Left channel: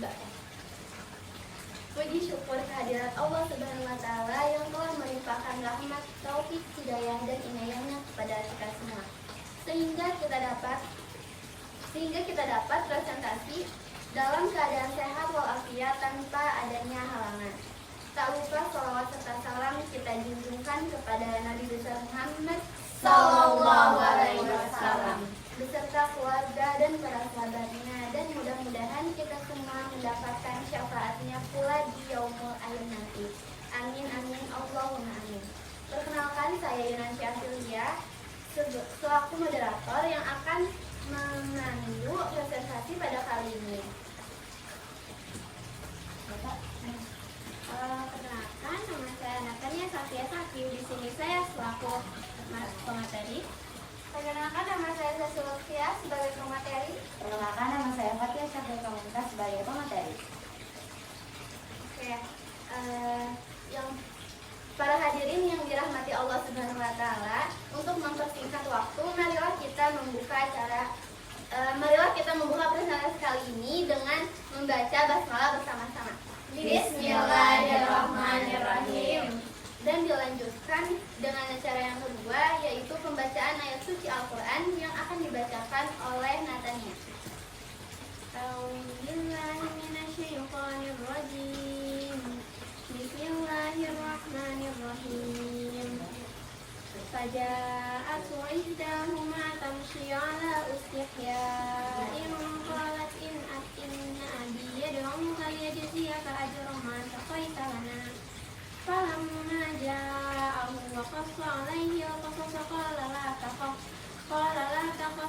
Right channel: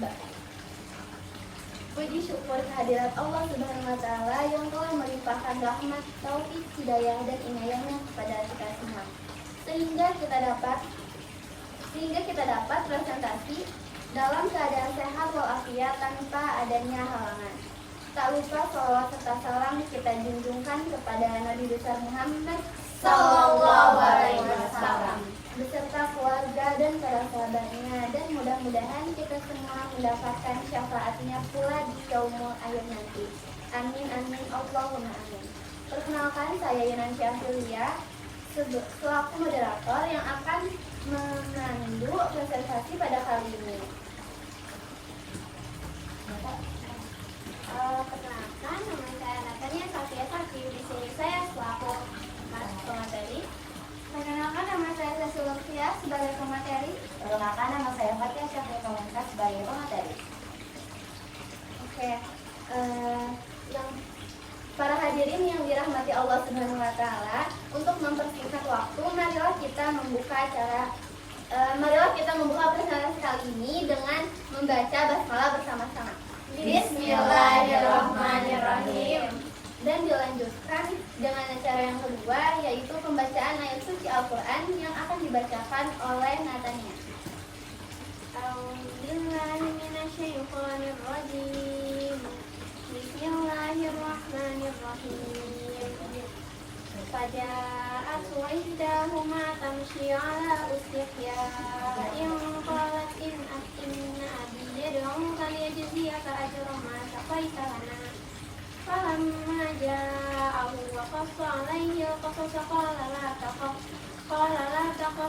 hamba. Puji syukur kehadirat Allah Subhanahu wa Ta'ala yang telah melimpahkan rahmat, taufik, hidayah, dan inayahnya kepada kita semua, sehingga kita dapat presentasi dalam keadaan sehat walafiat tanpa adanya halangan. Tak lupa salawat serta salam kita junjungkan kepada Nabi besar Muhammad Sallallahu Alaihi Wasallam beserta keluarga dan para sahabatnya, dan mudah-mudahan kita semua mendapatkan syafaatnya pula di yaumul akhir nanti. Amin amin Allahumma amin. Perkenalkan, saya Yunan Syahrilia selaku moderator yang akan memandu presentasi pada kali ini. Perkenalkan, nama saya Natania Safia Safi. Di sini saya selaku pemateri. Perkenalkan, nama saya Sasulovia sebagai pemateri. Perkenalkan, nama saya Fatia Syafri Komentar sebagai pemateri. Oke, para hadirin yang dirahmati Allah Subhanahu wa Ta'ala, untuk mempersingkat waktu, marilah kita membuka presentasi kali ini dengan membaca basmalah bersama-sama. Bismillahirrahmanirrahim. Dan dilanjutkan dengan acara yang kedua, yaitu pembacaan ayat suci Al-Quran yang akan dibacakan oleh Natania. A'udzubillahiminasyaitonirrajim. Bismillahirrahmanirrahim. Faja'at ihdahuma tamshi ala istihya'in qalat inna abi yad'uka liyajziyaka ajra ma saqaita lana. Falamma ja'ahu wa qassa alayhi al-qasas qala la takhaf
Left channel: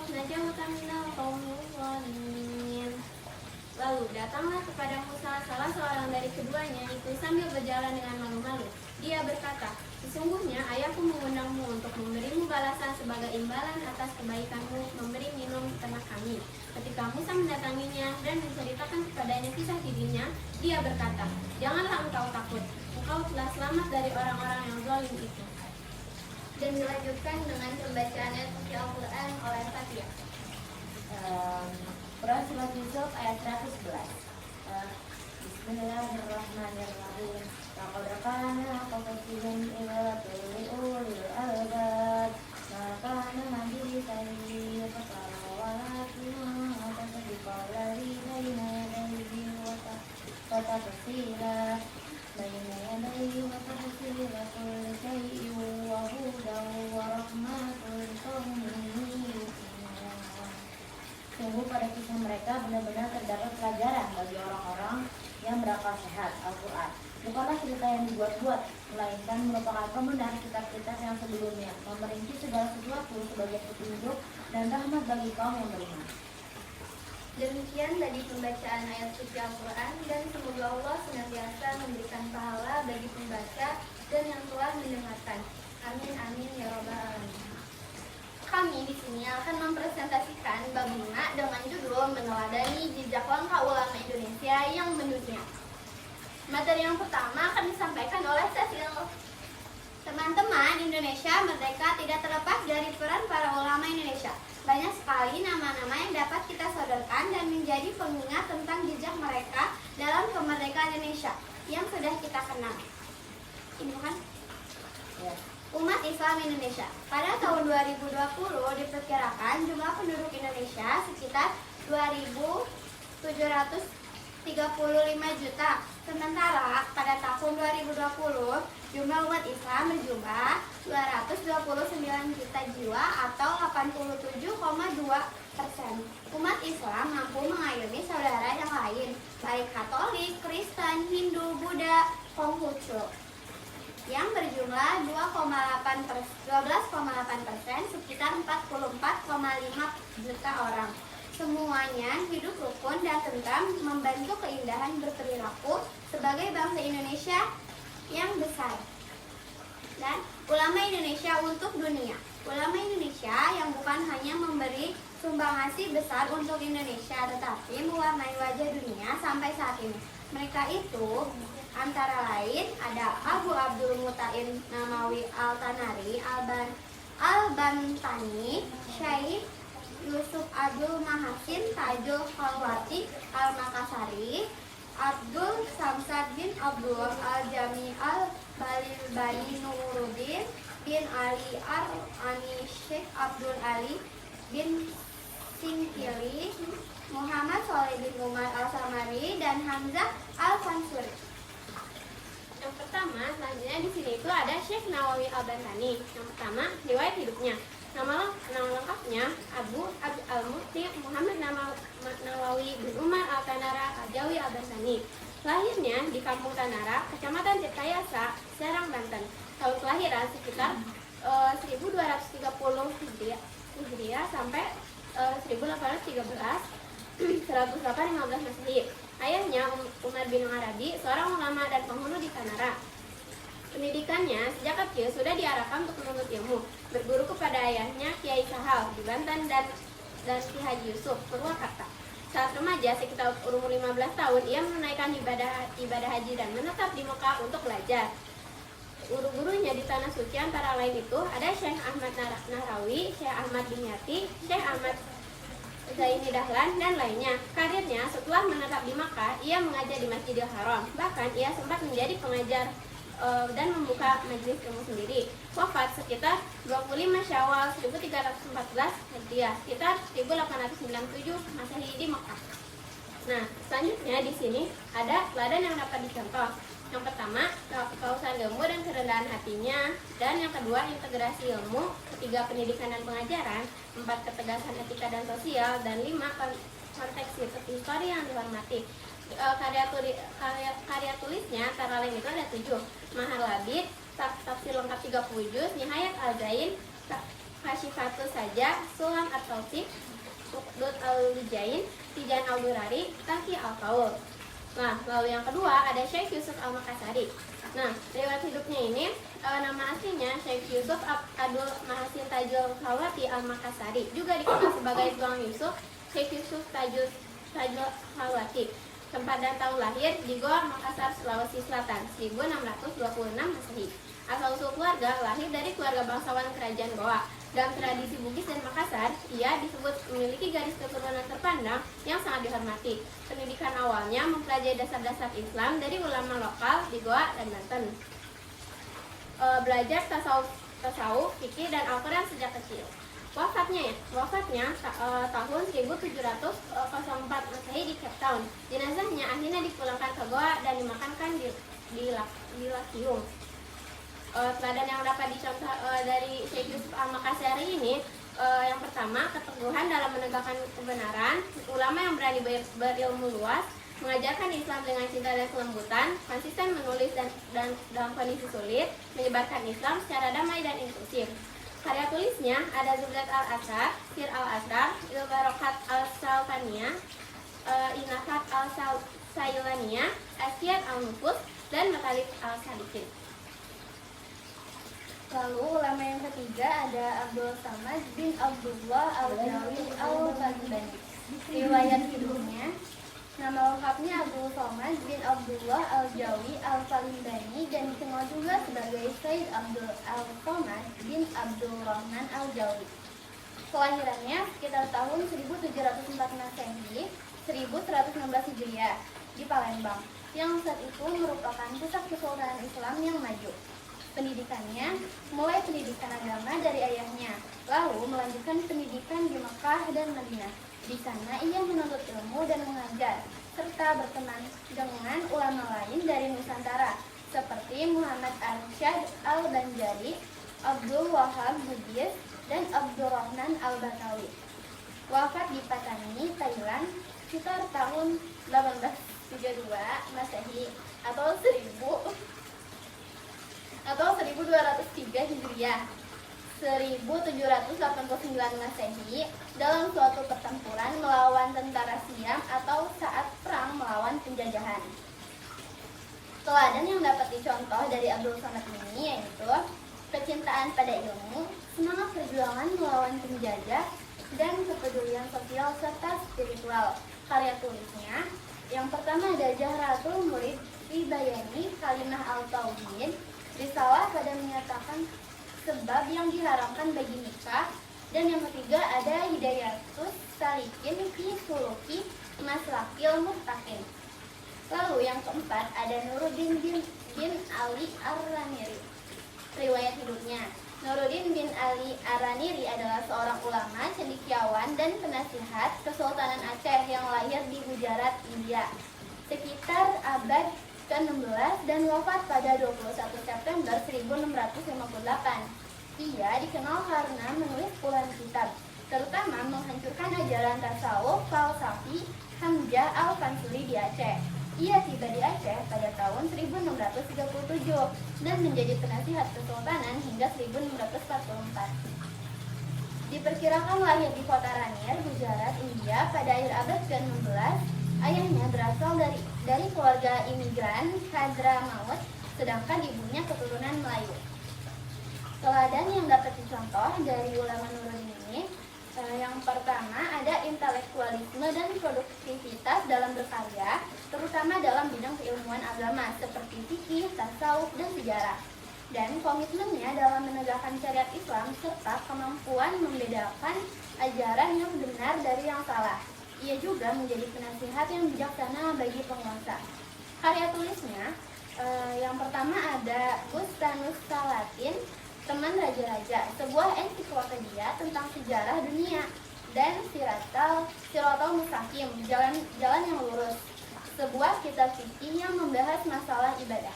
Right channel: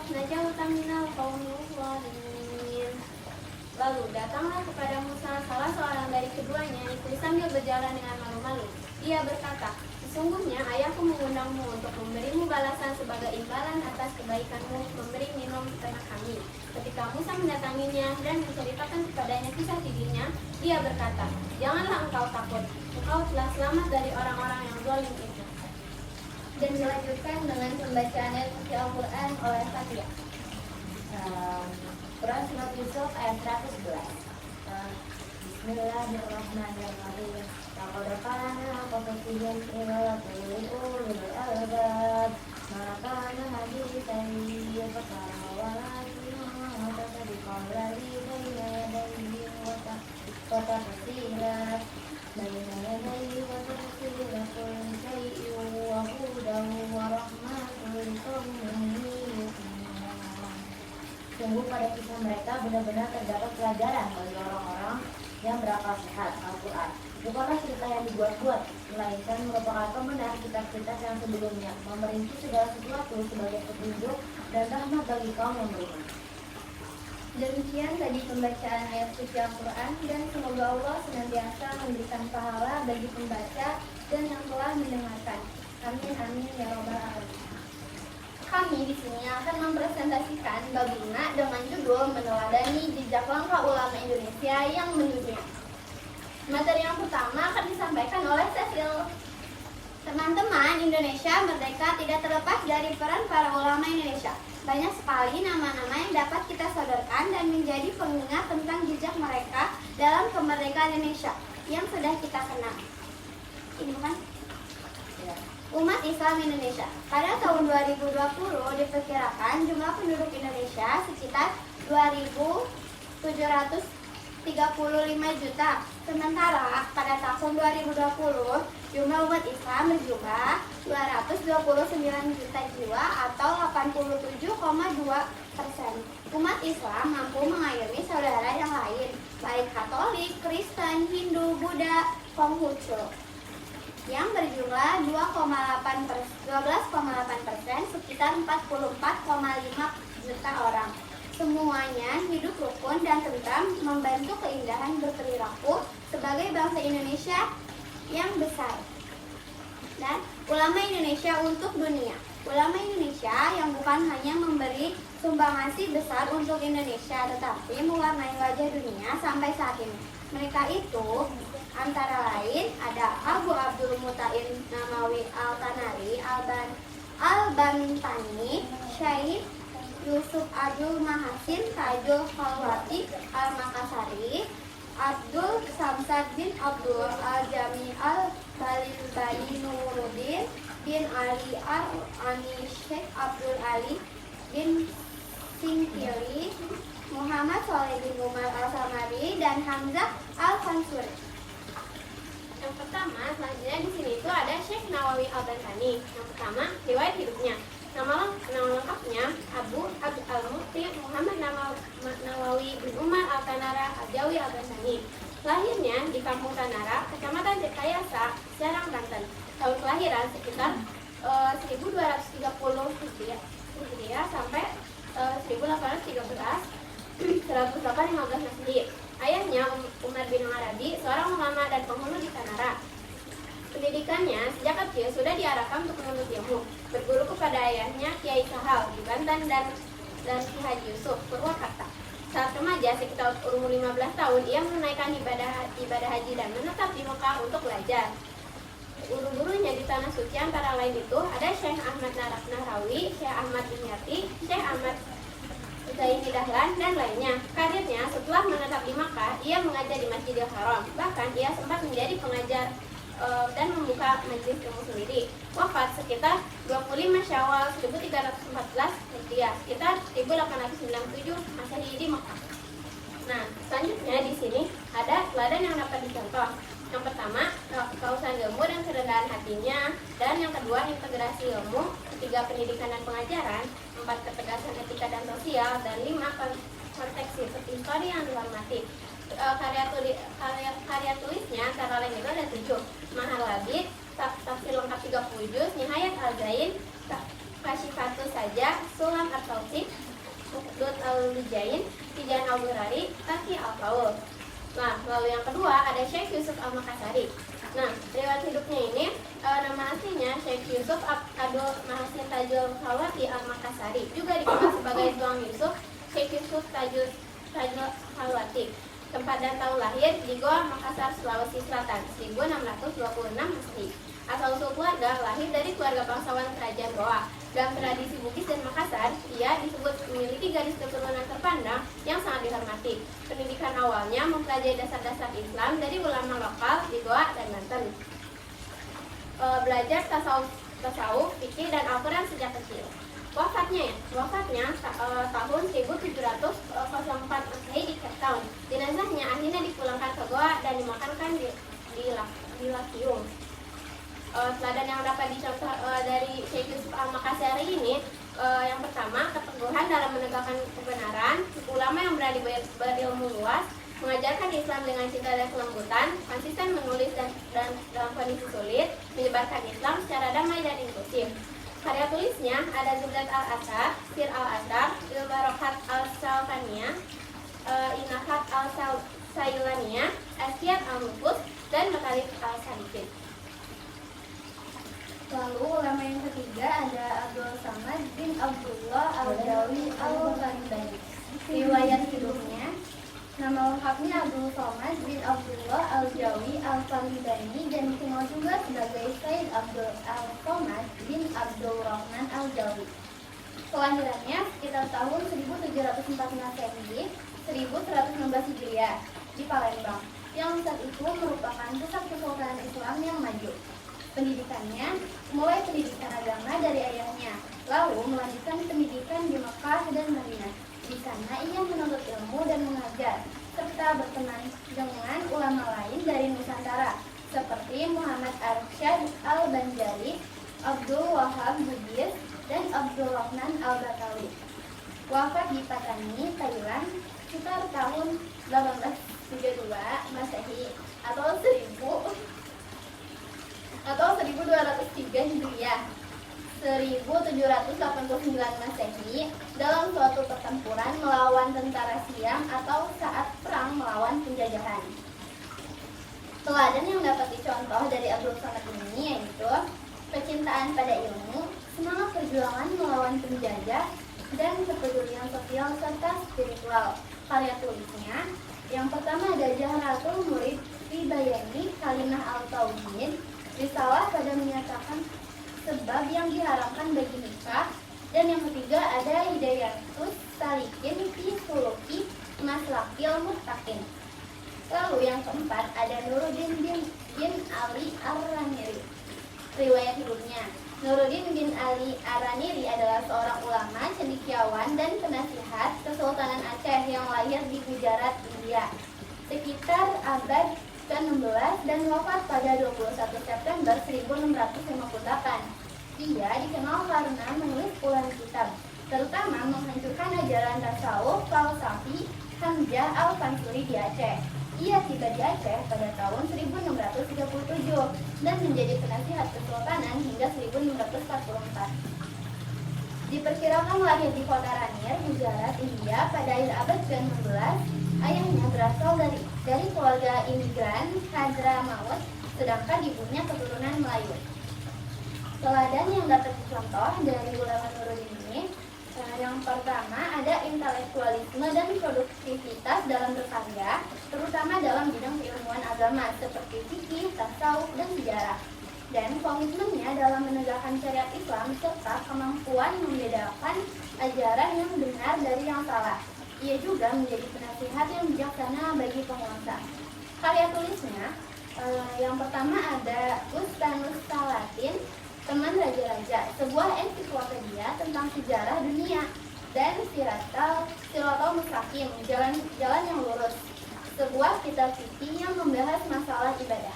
najawta minal qawmil zalimin. Lalu datanglah kepada Musa salah seorang dari keduanya itu sambil berjalan dengan malu-malu. Dia berkata, sesungguhnya ayahku mengundangmu untuk memberimu balasan sebagai imbalan atas kebaikanmu memberi minum ternak kami. Ketika Musa mendatanginya dan menceritakan kepadanya kisah dirinya, dia berkata, janganlah engkau takut, engkau telah selamat dari orang-orang yang zalim itu. Dan dilanjutkan dengan pembacaan ayat suci Al-Quran oleh Fatia. Quran Surat Yusuf ayat 111. Bismillahirrahmanirrahim. Laqad kana qasasihim ila ulil albab. Ma kana hadisan yuqalu wa la tadbiqari baina yadayhi wa tafsira baina yadayhi wa tafsira kulli shay'in wa hudan wa rahmatun liqaumin yu'minun. Sungguh pada kisah mereka benar-benar terdapat pelajaran bagi orang-orang yang berakal sehat. Al-Quran bukanlah cerita yang dibuat-buat, melainkan merupakan pembenaran kitab-kitab yang sebelumnya, memerinci segala sesuatu sebagai petunjuk dan rahmat bagi kaum yang beriman. Demikian tadi pembacaan ayat suci Al-Quran, dan semoga Allah senantiasa memberikan pahala bagi pembaca dan yang telah mendengarkan. Amin amin ya rabbal alamin. Kami di sini akan mempresentasikan bab 5 dengan judul meneladani jejak langkah ulama Indonesia yang mendunia. Materi yang pertama akan disampaikan oleh Cecil. Teman-teman, Indonesia merdeka tidak terlepas dari peran para ulama Indonesia. Banyak sekali nama-nama yang dapat kita sodorkan dan menjadi pengingat tentang jejak mereka dalam kemerdekaan Indonesia yang sudah kita kenal. Ini bukan? Ya. Umat Islam Indonesia. Pada tahun 2020 diperkirakan jumlah penduduk Indonesia sekitar 2.735 juta. Sementara pada tahun 2020 jumlah umat Islam berjumlah 229 juta jiwa atau 87,2%. Umat Islam mampu mengayomi saudara yang lain, baik Katolik, Kristen, Hindu, Buddha, Konghucu, yang berjumlah 12,8%, sekitar 44,5 juta orang. Semuanya hidup rukun dan tentram, membantu keindahan berperilaku sebagai bangsa Indonesia yang besar. Dan ulama Indonesia untuk dunia. Ulama Indonesia yang bukan hanya memberi sumbangasi besar untuk Indonesia, tetapi mewarnai wajah dunia sampai saat ini. Mereka itu antara lain ada Abu Abdul Mut'in Namawi Al-Tanari, Al-Bantani, Syekh Yusuf Abdul Mahasin, Tajul Khalwati Al-Makassari, Abdul Samsad bin Abdul Al-Jami Al-Balilbani Nuruddin bin Ali Al-Ani Syekh Abdul Ali bin Singkili, Muhammad Soleh bin Umar Al-Samari, dan Hamzah Al-Fansuri. Yang pertama, selanjutnya di sini itu ada Syekh Nawawi Al-Bantani. Yang pertama, riwayat hidupnya. Nama lengkapnya Abu Al-Mufti Muhammad Nawawi bin Umar Al-Tanara Al-Jawi Al-Bantani. Lahirnya di Kampung Tanara, Kecamatan Tirtayasa, Serang, Banten. Tahun kelahiran sekitar 1230 Hijriah sampai 1813, 1815 Masehi. Ayahnya Umar bin Arabi, seorang ulama dan penghulu di Tanara. Pendidikannya sejak kecil sudah diarahkan untuk menuntut ilmu, berguru kepada ayahnya Kiai Sahal di Banten dan Ki Haji Yusuf Purwakarta. Saat remaja sekitar umur 15 tahun, ia menunaikan ibadah haji dan menetap di Mekah untuk belajar. Guru-gurunya di Tanah Suci antara lain itu ada Syekh Ahmad Nahrawi, Syekh Ahmad bin Yati, Syekh Ahmad Zaid Dahlan, dan lainnya. Karirnya setelah menetap di Makkah, ia mengajar di Masjidil Haram. Bahkan ia sempat menjadi pengajar dan membuka majelis ilmu sendiri. Wafat sekitar 25 Syawal 1314 Hijriah, sekitar 1897 Masehi di Makkah. Nah, selanjutnya di sini ada teladan yang dapat dicontoh. Yang pertama, kehausan ilmu dan kerendahan hatinya, dan yang kedua, integrasi ilmu, ketiga, pendidikan dan pengajaran, empat, ketegasan etika dan sosial, dan lima, konteks histori yang dihormati. Karya tulisnya antara lain itu ada 7: Mahar Labid, tafsir lengkap 30 juz, Nihayat Al-Zain, Kasyifatus Saja, Sulam At-Tausif, Lut Al-Lujain, Tijan Al-Durari, Taki Al-Qaul. Nah, lalu yang kedua ada Syekh Yusuf Al-Makassari. Nah, riwayat hidupnya ini, nama aslinya Syekh Yusuf Abdul Mahasin Tajul Khalwati Al-Makasari, juga dikenal sebagai Tuang Yusuf, Syekh Yusuf Tajul Khalwati. Tempat dan tahun lahir di Goa, Makassar, Sulawesi Selatan, 1626 Masehi. Asal-usul keluarga lahir dari keluarga bangsawan kerajaan Goa. Dalam tradisi Bugis dan Makassar, ia disebut memiliki garis keturunan terpandang yang sangat dihormati. Pendidikan awalnya mempelajari dasar-dasar Islam dari ulama lokal di Goa dan Banten. Belajar tasawuf, fikih, dan Al-Quran sejak kecil. Wafatnya tahun 1704 Masehi di Cape Town. Jenazahnya akhirnya dipulangkan ke Goa dan dimakamkan di Lakiung. Teladan yang dapat dicontoh dari Syekh Yusuf Al-Makassari ini, yang pertama, keteguhan dalam menegakkan kebenaran, ulama yang berani berilmu luas, mengajarkan Islam dengan cinta dan kelembutan, konsisten menulis dan dalam kondisi sulit, menyebarkan Islam secara damai dan inklusif. Karya tulisnya ada Zuhdat Al-Asad, Sir Al-Azhar, Il-Barokat Al-Salkaniyah, Inasat Al-Sayulaniyah, Asyad Al-Nufus, dan Matalib Al-Sadikin. Lalu ulama yang ketiga ada Abdul Samad bin Abdullah Al-Jawi Al-Bantani. Riwayat hidupnya, nama lengkapnya Abdul Samad bin Abdullah Al-Jawi Al-Bantani, dan dikenal juga sebagai Said Abdul Al-Samad bin Abdul Rahman Al-Jawi. Kelahirannya sekitar tahun 1704 Masehi, 1116 Hijriah di Palembang, yang saat itu merupakan pusat kesultanan Islam yang maju. Pendidikannya mulai pendidikan agama dari ayahnya, lalu melanjutkan pendidikan di Mekah dan Madinah. Di sana ia menuntut ilmu dan mengajar, serta berteman dengan ulama lain dari Nusantara, seperti Muhammad Arsyad Al-Banjari, Abdul Wahab Zubir, dan Abdul Rahman Al-Batawi. Wafat di Patani, Thailand, sekitar tahun 1832 Masehi atau 1203 Hijriah, 1789 Masehi, dalam suatu pertempuran melawan tentara Siam atau saat perang melawan penjajahan. Teladan yang dapat dicontoh dari Abdul Samad ini yaitu kecintaan pada ilmu, semangat perjuangan melawan penjajah, dan kepedulian sosial serta spiritual. Karya tulisnya, yang pertama ada Jahratul Murid fi Bayani Kalimah Al-Tauhid, risalah pada menyatakan sebab yang diharamkan bagi nikah, dan yang ketiga ada Hidayatus Salikin fi Suluki Maslakil Muttaqin. Lalu yang keempat ada Nuruddin bin Ali Ar-Raniri. Riwayat hidupnya. Nuruddin bin Ali Ar-Raniri adalah seorang ulama, cendekiawan, dan penasihat Kesultanan Aceh yang lahir di Gujarat, India sekitar abad ke-16 dan wafat pada 21 September 1658. Ia dikenal karena menulis puluhan kitab, terutama menghancurkan ajaran tasawuf falsafi Hamzah Al-Fansuri di Aceh. Ia tiba di Aceh pada tahun 1637 dan menjadi penasihat kesultanan hingga 1644. Diperkirakan lahir di kota Ranir, Gujarat, India pada akhir abad ke-16. Ayahnya berasal dari keluarga imigran Hadramaut, sedangkan ibunya keturunan Melayu. Teladan yang dapat dicontoh dari ulama Nuruddin ini, yang pertama ada intelektualisme dan produktivitas dalam berkarya, terutama dalam bidang keilmuan agama seperti fikih, tasawuf, dan sejarah. Dan komitmennya dalam menegakkan syariat Islam serta kemampuan membedakan ajaran yang benar dari yang salah. Ia juga menjadi penasihat yang bijaksana bagi penguasa. Karya tulisnya, yang pertama ada Bustanus Salatin, Teman Raja-Raja, sebuah ensiklopedia tentang sejarah dunia, dan Siratal Mustaqim, jalan yang lurus, sebuah kitab fikih yang membahas masalah ibadah.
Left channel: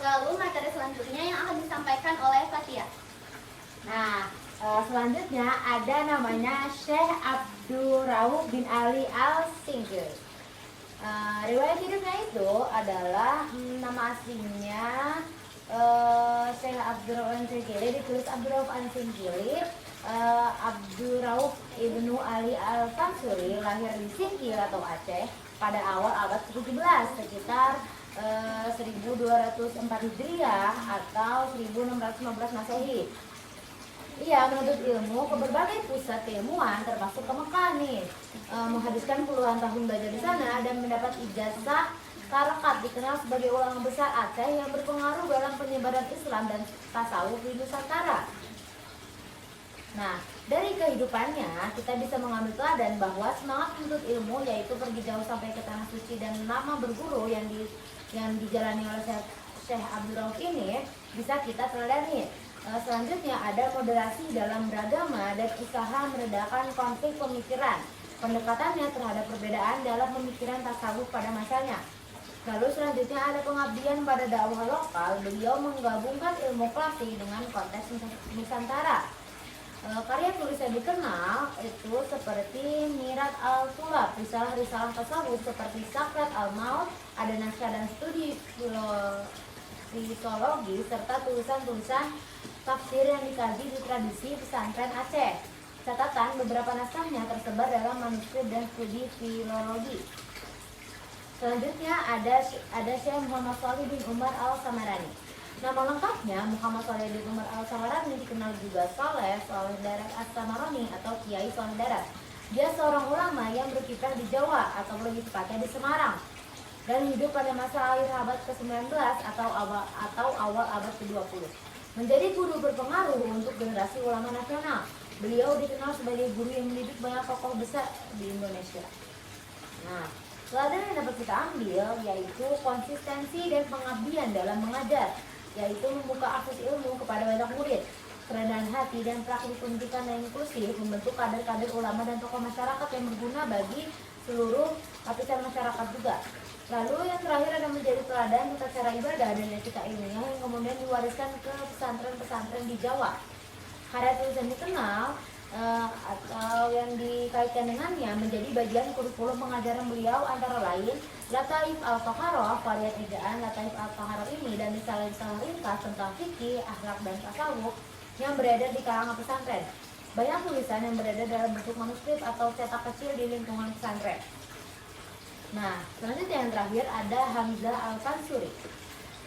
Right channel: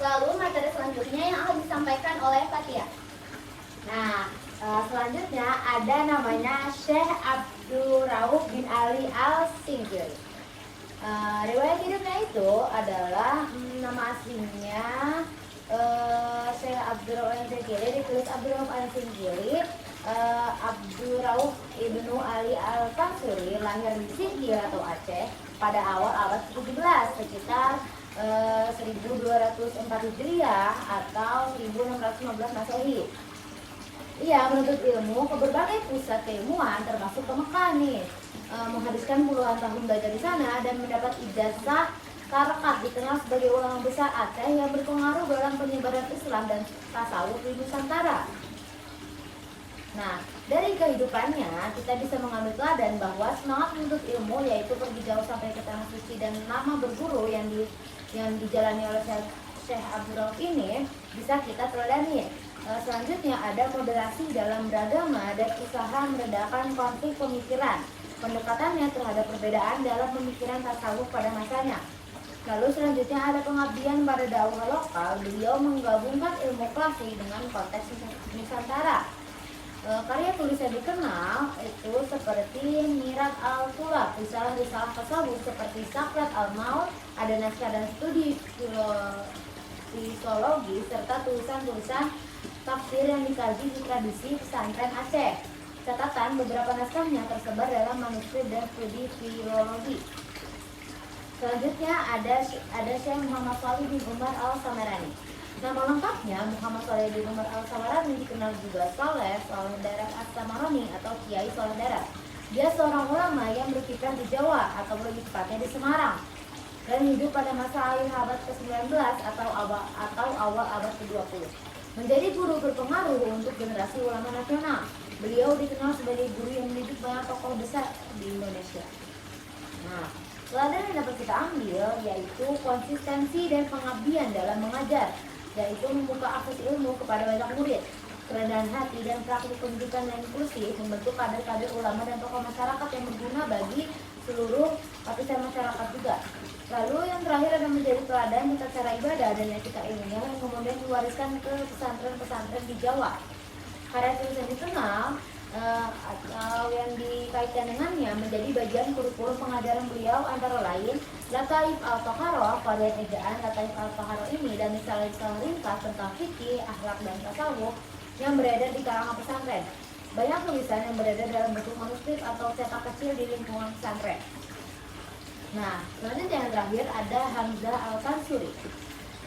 Lalu materi selanjutnya yang akan disampaikan oleh Fatia. Nah, selanjutnya ada namanya Syekh Abdul Rauf bin Ali Al-Sinjili. Riwayat hidupnya itu adalah nama aslinya Syekh Abdul Rauf Al-Sinjili, ditulis Abdul Rauf Al-Sinjili. Abdul Rauf ibnu Ali Al-Fansuri lahir di Sigi atau Aceh pada awal abad ke-17 sekitar 1204 Hijriah atau 1615 Masehi. Ia menuntut ilmu ke berbagai pusat keilmuan termasuk ke Mekah nih, menghabiskan puluhan tahun belajar di sana dan mendapat ijazah Tarakat, dikenal sebagai ulama besar Aceh yang berpengaruh dalam penyebaran Islam dan tasawuf di Nusantara. Nah, dari kehidupannya kita bisa mengambil teladan bahwa semangat menuntut ilmu, yaitu pergi jauh sampai ke tanah suci dan lama berburu yang dijalani oleh Syekh Abdul Rauf ini bisa kita teladani. Selanjutnya ada moderasi dalam beragama dan usaha meredakan konflik pemikiran. Pendekatannya terhadap perbedaan dalam pemikiran tasawuf pada masanya. Lalu selanjutnya ada pengabdian pada dakwah lokal. Beliau menggabungkan ilmu klasik dengan konteks Nusantara. Karya tulis yang dikenal itu seperti Mirat Al-Turab, risalah-risalah tasawuf seperti Sakrat Al-Maut, ada naskah dan studi filologi serta tulisan-tulisan tafsir yang dikaji di tradisi pesantren Aceh. Catatan beberapa naskahnya tersebar dalam manuskrip dan studi filologi. Selanjutnya ada Syekh Muhammad Shalih bin Umar Al-Samarani. Nama lengkapnya Muhammad Shalih bin Umar Al-Samarani, dikenal juga Saleh Darat As-Samarani atau Kiai Saleh Darat. Dia seorang ulama yang berkiprah di Jawa atau lebih tepatnya di Semarang dan hidup pada masa akhir abad ke-19 atau awal abad ke-20. Menjadi guru berpengaruh untuk generasi ulama nasional. Beliau dikenal sebagai guru yang mendidik banyak tokoh besar di Indonesia. Nah, teladan yang dapat kita ambil yaitu konsistensi dan pengabdian dalam mengajar, yaitu membuka akses ilmu kepada banyak murid. Kerendahan hati dan praktik pendidikan yang inklusif membentuk kader-kader ulama dan tokoh masyarakat yang berguna bagi seluruh lapisan masyarakat juga. Lalu yang terakhir ada menjadi teladan tentang cara ibadah dan etika ilmiah yang kemudian diwariskan ke pesantren-pesantren di Jawa. Karya tulis yang dikenal atau yang dikaitkan dengannya menjadi bagian kurikulum pengajaran beliau antara lain Lataif Al-Toharoh, pada ejaan Lataif Al-Toharoh ini, dan risalah-risalah ringkas tentang fikih, akhlak, dan tasawuf yang beredar di kalangan pesantren. Banyak tulisan yang beredar dalam bentuk manuskrip atau cetak kecil di lingkungan pesantren. Nah, selanjutnya yang terakhir ada Hamzah Al-Fansuri.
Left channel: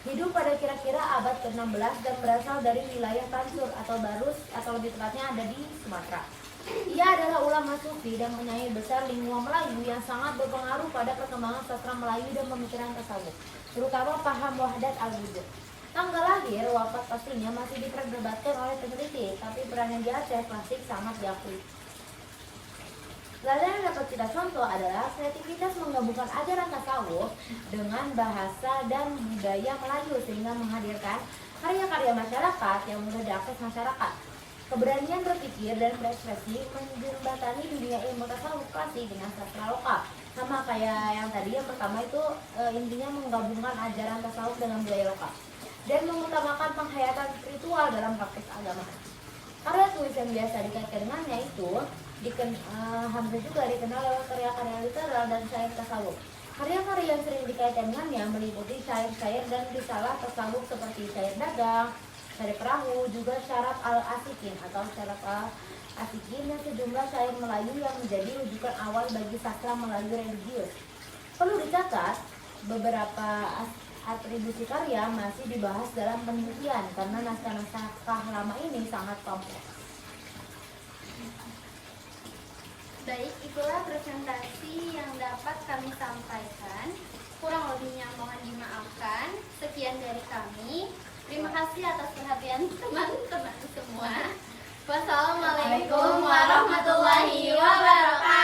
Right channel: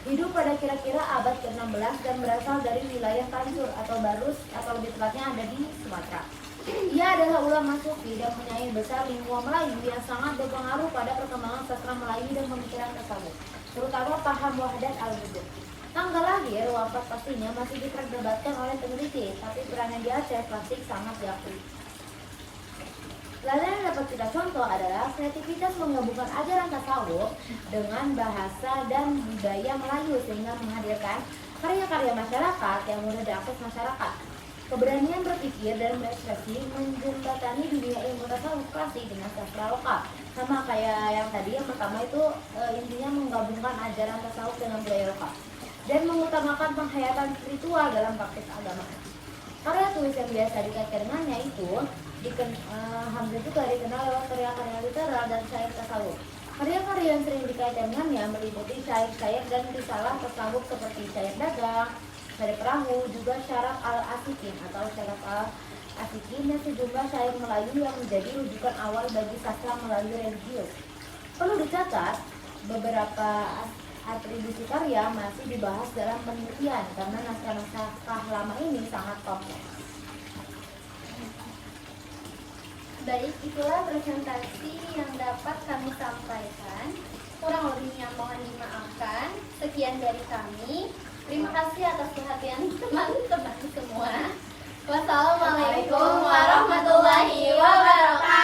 Hidup pada kira-kira abad ke-16 dan berasal dari wilayah Tansur atau Barus atau lebih tepatnya ada di Sumatera. Ia adalah ulama sufi dan penyanyi besar lingua Melayu yang sangat berpengaruh pada perkembangan sastra Melayu dan pemikiran tasawuf, terutama paham wahdat al-wujud. Tanggal lahir, wafat pastinya masih diperdebatkan oleh peneliti, tapi perannya di Aceh klasik sangat diakui. Pelajaran yang dapat kita contoh adalah kreativitas menggabungkan ajaran tasawuf dengan bahasa dan budaya Melayu sehingga menghadirkan karya-karya masyarakat yang mudah diakses masyarakat. Keberanian berpikir dan berekspresi menjembatani dunia ilmu tasawuf klasik dengan sastra lokal. Sama kayak yang tadi, yang pertama itu intinya menggabungkan ajaran tasawuf dengan budaya lokal dan mengutamakan penghayatan spiritual dalam praktik agama. Karya tulis yang biasa dikaitkan dengannya itu hampir juga dikenal lewat karya-karya literal dan syair tasawuf. Karya-karya yang sering dikaitkan dengannya meliputi syair-syair dan risalah tasawuf seperti syair dagang, syair perahu, juga syarat al-asikin atau syarat al-asikin dan sejumlah syair Melayu yang menjadi rujukan awal bagi sastra Melayu religius. Perlu dicatat, beberapa atribusi karya masih dibahas dalam penelitian karena naskah-naskah lama ini sangat kompleks. Baik, itulah presentasi yang dapat kami sampaikan. Kurang lebihnya mohon dimaafkan. Sekian dari kami. Terima kasih atas perhatian teman-teman semua. Wassalamualaikum warahmatullahi wabarakatuh.